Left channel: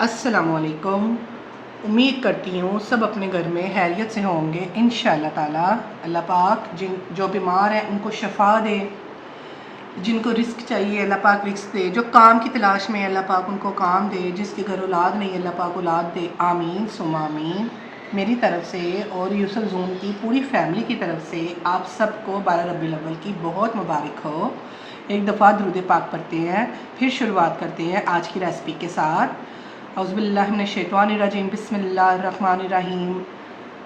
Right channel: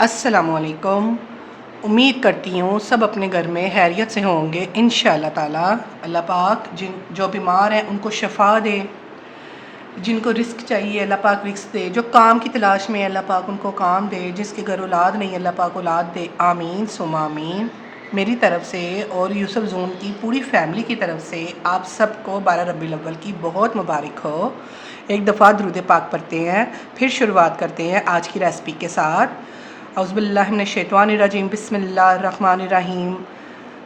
अस्सलामुअलैकुम। उम्मीद करती हूँ सब अपने घर में खैरियत से होंगे इंशाअल्लाह ताला। अल्लाह पाक जो बीमार हैं उनको शफा दे, जिनको रिस्क चाहिए अल्लाह पाक रिस्क दे, जो काम की तलाश में अल्लाह पाक उनको काम दे, जिसके घर औलाद नहीं अल्लाह पाक औलाद दे। आमीन सुम्मा आमीन। मेरी तरफ़ से और यूसुफ जून की पूरी फैमिली की तरफ से आप सबको 12 रबीउल अव्वल की बहुत मुबारक हो। एक दफ़ा दुरूद पाक पढ़ते हैं, फिर शुरुआत करते हैं आज की रेसिपी के साथ। औज़ुबिल्लाहि मिनश्शैतानिर्रजीम, बिस्मिल्लाहिर्रहमानिर्रहीम।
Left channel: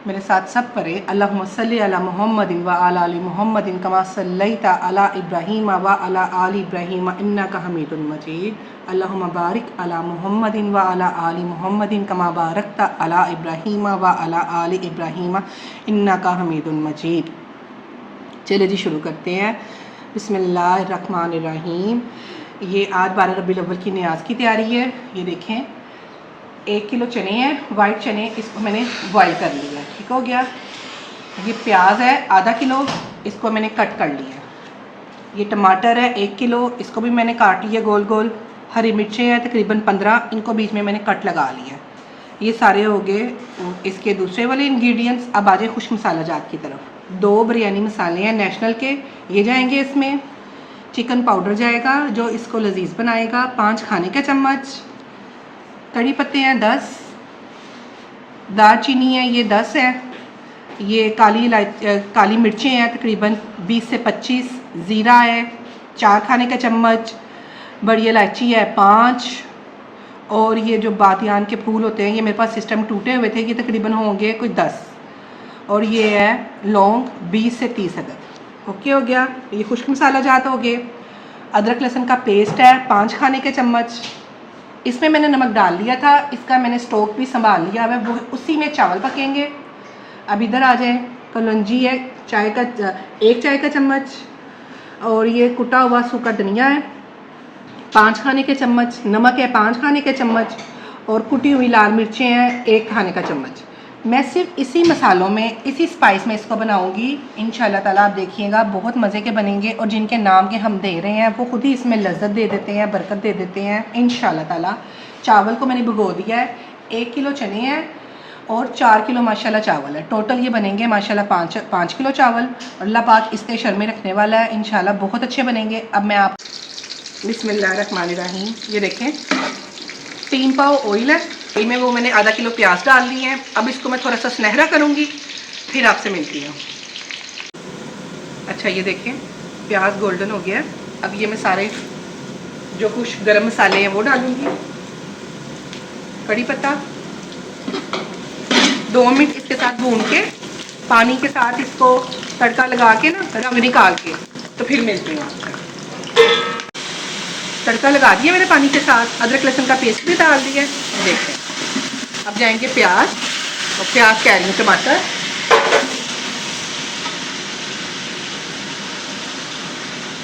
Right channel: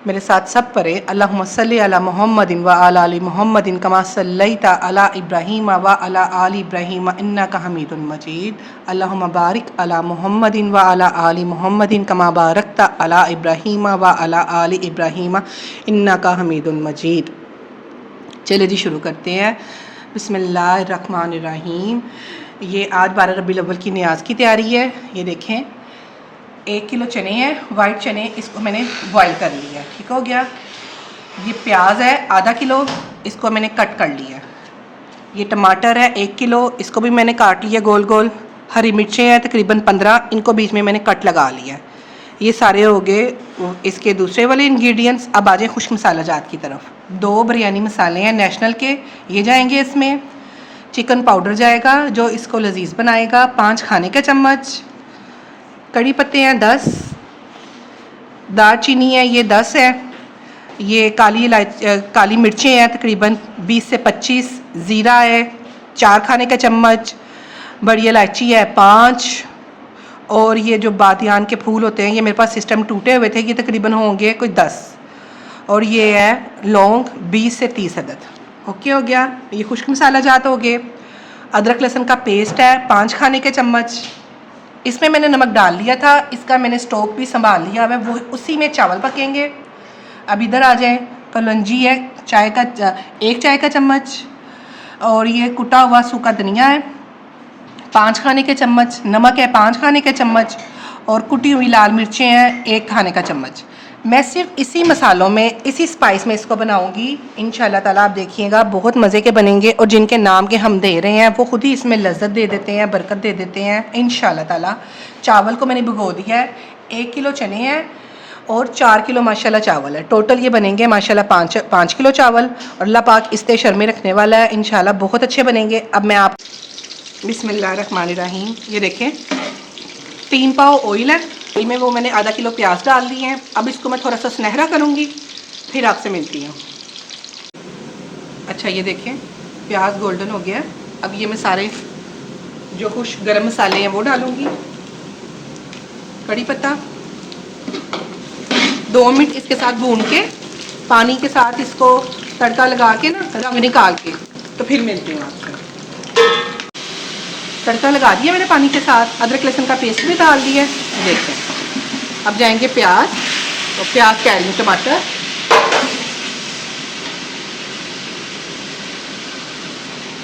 मेरे साथ सब पढ़े। अल्लाहुम्मा सल्लि अला मुहम्मदिन व अला आलि मुहम्मदिन कमा सल्लैता अला इब्राहीम व अला आलि इब्राहीम इन्नका हमीदुम मजीद। अल्लाहुम्मा बारिक अला मुहम्मदिन व अला आलि मुहम्मदिन कमा बारकता अला इब्राहीम व अला आलि इब्राहीम इन्नका हमीदुम मजीद। चलिए जी शुरू करते हैं। बिस्मिल्लाहिर्रहमानिर्रहीम। ये आज 12 रबीउल अव्वल की न्याज़ की तैयारी है। ये देखें 1 किलो चने हैं, वाइट चने, इसको मैंने बॉयल कर लिया है। ठीक हो गया। ये प्याज है आधा किलो, इसको मैंने कट कर लिया है। ये टमाटर है 1 किलो, इसको भी मैंने काट लिया गोल गोल। हरी मिर्चें हैं तकरीबन 15, इनको बीच में मैंने कट लगा लिया है। ये सारे हो गए इसके दूसरे वाले इंग्रेडिएंट्स। अब आ जाए खुश्क मसाला जात की तरफ। 2 बिरयानी मसाले हैं नेशनल के, ये जाएंगे इसमें। चिकन पाउडर जाएगा जो इसको लजीज बनाएगा, 5 खाने के चम्मच। कड़ी पत्ते हैं 10, दालचीनी है ये 10 है। ये काली मिर्चें हैं तकरीबन 20 से 25। ज़ीरा है 4 खाने का चम्मच। बड़ी इलायची है 5। और ये जो बादियान के फूल होते हैं, ये मेरे पास सिस्टम टूटे हुए थे, ये तकरीबन होंगे कोई 10। और ये है लौंग 20 से 30 अदद। ओके हो गया। ये खुश्क मसाला जात हो गए। अदरक लहसुन का पेस्ट है 5 खाने के चम्मच। इसमें मैंने नमक डाल लिया था, इसका मैंने स्टोव भी संभाल लिया है, वो उसी में चावल पकेंगे। अब इधर आ जाए। कलौंजी है 1 चाय का चम्मच। और ये कुटा हुआ सूखा धनिया है 5 खाने के चम्मच। नमक है 5 खाने के चम्मच। और कुटी हुई लाल मिर्चें हैं 1 खाने का चम्मच। मैं सिर्फ इसी मसालों में, इसी स्पाइस में इसको बनाऊंगी इंशाल्लाह ताला। आप देखिएगा बहुत मज़े के बनेंगे। और जिनके नाम के हम दे रहे हैं वो खुद ही इसमें लज्जत दे देते हैं, बरकत दे देते हैं इंशाल्लाह ताला। चावल को मैंने भिगो दिया है। 1 किलो चने हैं और 4 किलो माशाल्लाह चावल है। टोटल ये बनेंगे माशाल्लाह 5 किलो चावल। और अल्लाह पाक इस्ते शर्मे रखने वाला है, इंशाल्लाह बहुत अच्छे बनेंगे। अब मैं आप बिस्मिल्लाहिर्रहमानिर्रहीम। ये देखें 3 पाव ऑयल है, इनमें वो मैंने आधा किलो प्याज डाल दिए हैं। अब इसको मैं थोड़ा सा सुनहरा करूँगी, फिर आपसे मिलती हूँ। अच्छा ये देखें प्याज गोल्डन हो गया। अब ये मैं सारे जो कुछ गरम मसाले हैं वो डालूँगी। कड़ी पत्ता 2 मिनट इसके साथ भून के, पानी के साथ इसको तड़का लगा के ना रंग निकाल के, तो फिर मिलते हैं आपसे। तड़का लगा दिया मैंने पानी के साथ, अदरक लहसुन का पेस्ट भी डाल दिया। देखें अब जाएंगे प्याज, और प्याज कह लूँ टमाटर।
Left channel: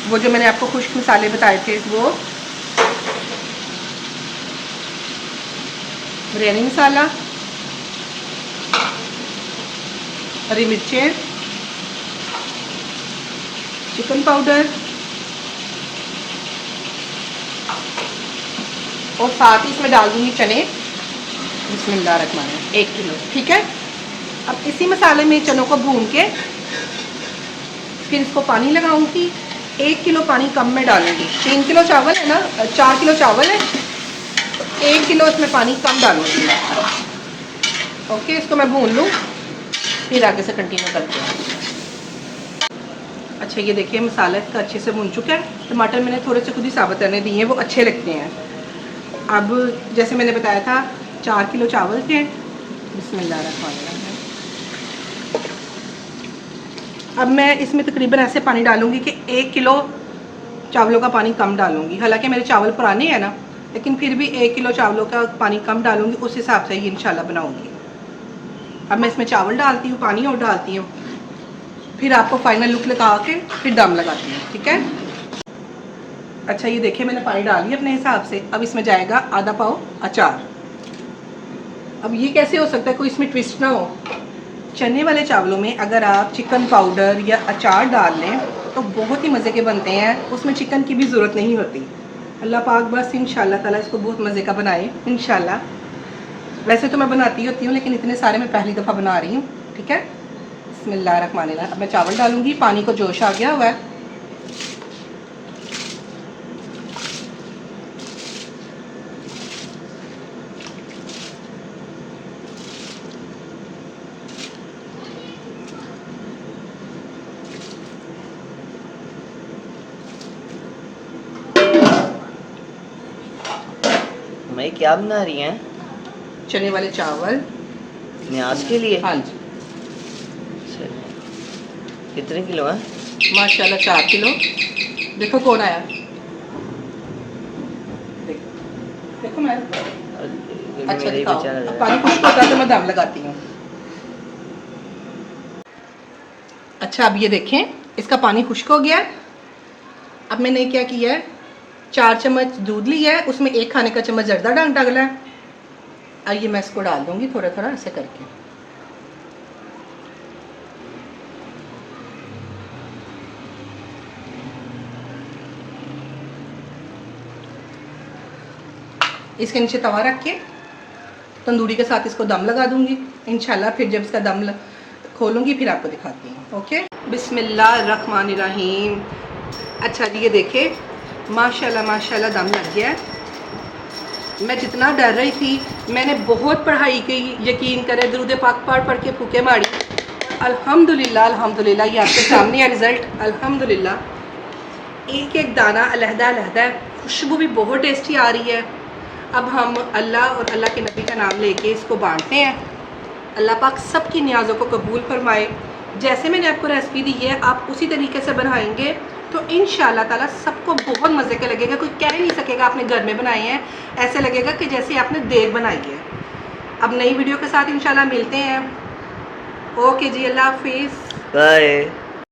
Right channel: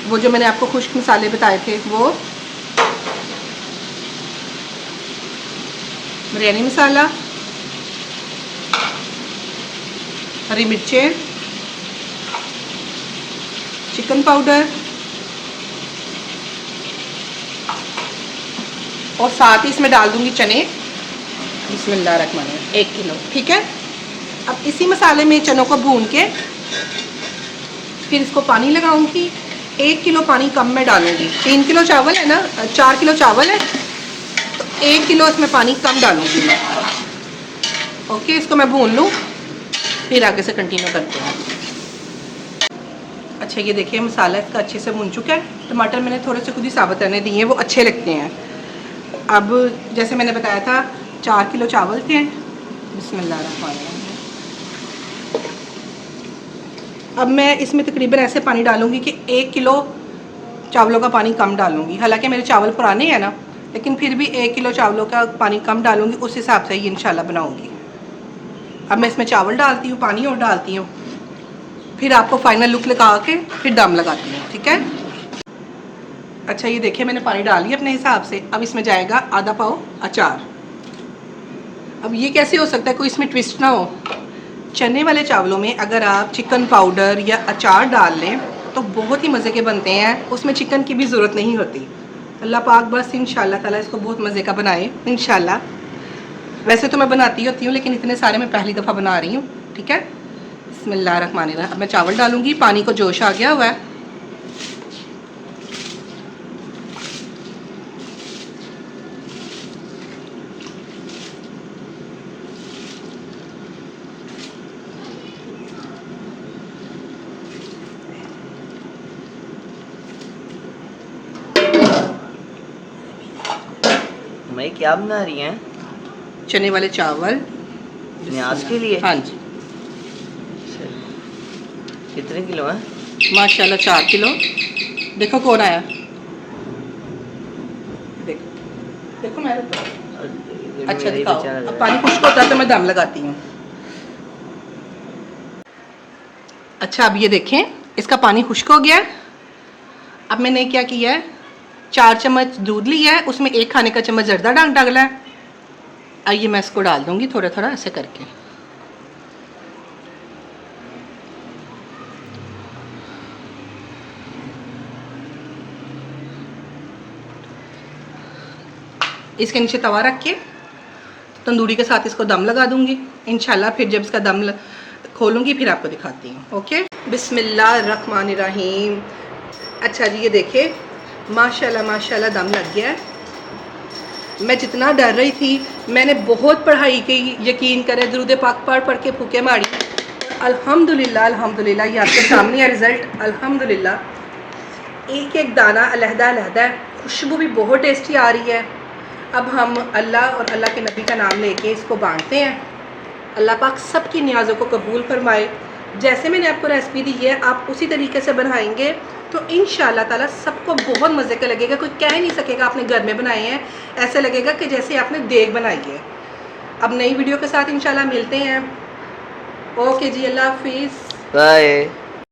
वो जो मैंने आपको खुश्क मसाले बताए थे, वो बिरयानी मसाला, हरी मिर्चें, चिकन पाउडर, और साथ ही इसमें डाल दूंगी चने। बिस्मिल्लाहिर्रहमानिर्रहीम 1 किलो। ठीक है। अब इसी मसाले में चनों को भून के फिर इसको पानी लगाऊंगी। 1 किलो पानी कम में डालूंगी। 3 किलो चावल है ना, 4 किलो चावल है, तो 1 किलो इसमें पानी कम डालूंगी। ओके, इसको मैं भून लूँ, फिर आगे से कंटिन्यू करते हैं। अच्छा ये देखिए मसाला इसका अच्छे से भून चुका है। टमाटर मैंने थोड़े से खुद ही साबित करने दिए हैं, वो अच्छे लगते हैं। अब जैसे मैंने बताया था 4 किलो चावल के। बिस्मिल्लाहिर्रहमानिर्रहीम। अब मैं इसमें तकरीबन ऐसे पानी डालूंगी कि 1 किलो चावलों का पानी कम डालूंगी। हालांकि मेरे चावल पुराने हैं ना, लेकिन फिर भी 1 किलो चावलों का पानी कम डालूंगी, उस हिसाब से ही इंशाल्लाह बनाऊंगी। अब मैं इसमें चावल डालती हूँ, पानी और डालती हूँ, फिर आपको फाइनल लुक लगा के फिर दम लगाती हूँ। ठीक है। अच्छा ये देखिए मैंने पानी डाल लिया अपने हिसाब से। अब इसमें जाएगा आधा पाव अचार। अब ये कैसे हो सकता है कोई इसमें ट्विस्ट ना हो। चने वाले चावलों में अगर आप चिकन पाउडर या अचार डाल लें तो बहुत ही मज़े के बनते हैं, उसमें चिकन की भी ज़रूरत नहीं होती। अल्लाह पाक बस इंशाल्लाह ताला इसको बहुत मज़े का बनाए इंशाल्लाह। वैसे तो मैं बनाती होती हूँ, लेकिन इतने सारे मैं पहली दफ़ा बना रही हूँ। ठीक है, बिस्मिल्लाहिर्रहमानिर्रहीम। अब मैं चावल डालूंगी, पानी को जोश आ गया हुआ है। मैं क्या बना रही हैं? चने वाले चावल न्याज के लिए? हाँ जी। कितने किलो हैं? माशाल्लाह 4 किलो। देखो कौन आया, देखो देखो मैं अच्छा मेरे ही दिखाओ। बच्चा लग अब रहा पानी है। खुश्क होता है तो मैं दम लगाती हूँ। अच्छा अब ये देखें, इसका पानी खुश्क हो गया है। अब मैंने क्या किया है, 4 चम्मच दूध लिया है, उसमें 1 खाने का चम्मच जर्दा डाला है। आइए मैं इसको डाल दूंगी थोड़ा थोड़ा ऐसे करके। इसके नीचे तवा रख के तंदूरी के साथ इसको दम लगा दूंगी इंशाल्लाह। फिर जब इसका दम खोलूंगी फिर आपको दिखाती हूँ। ओके, बिस्मिल्लाहिर्रहमानिर्रहीम। अच्छा जी, ये देखे माशाल्लाह माशाल्लाह दम लग गया है। मैं जितना डर रही थी, मैंने बहुत पढ़ाई की, यकीन करें दरूद पाक पढ़ के फूके मारी। अल्हम्दुलिल्लाह अल्हम्दुलिल्लाह, ये आपके सामने है रिज़ल्ट। अल्हम्दुलिल्लाह एक एक दाना अलहदा अलहदा है, खुशबू भी बहुत टेस्टी आ रही है। अब हम अल्लाह और अल्लाह के नबी का नाम लेके इसको बांटते हैं। अल्लाह पाक सबकी नियाज़ों को कबूल फरमाए। जैसे मैंने आपको रेसिपी दी है, आप उसी तरीके से बनाएंगे तो इंशाअल्लाह ताला सबको बहुत मज़े का लगेगा। कोई कह नहीं सकेगा आपने घर में बनाए हैं, ऐसे लगेगा कि जैसे आपने देग बनाई है। अब नई वीडियो के साथ इंशाअल्लाह मिलते हैं। ओके जी, अल्लाह हाफिज़, बाय।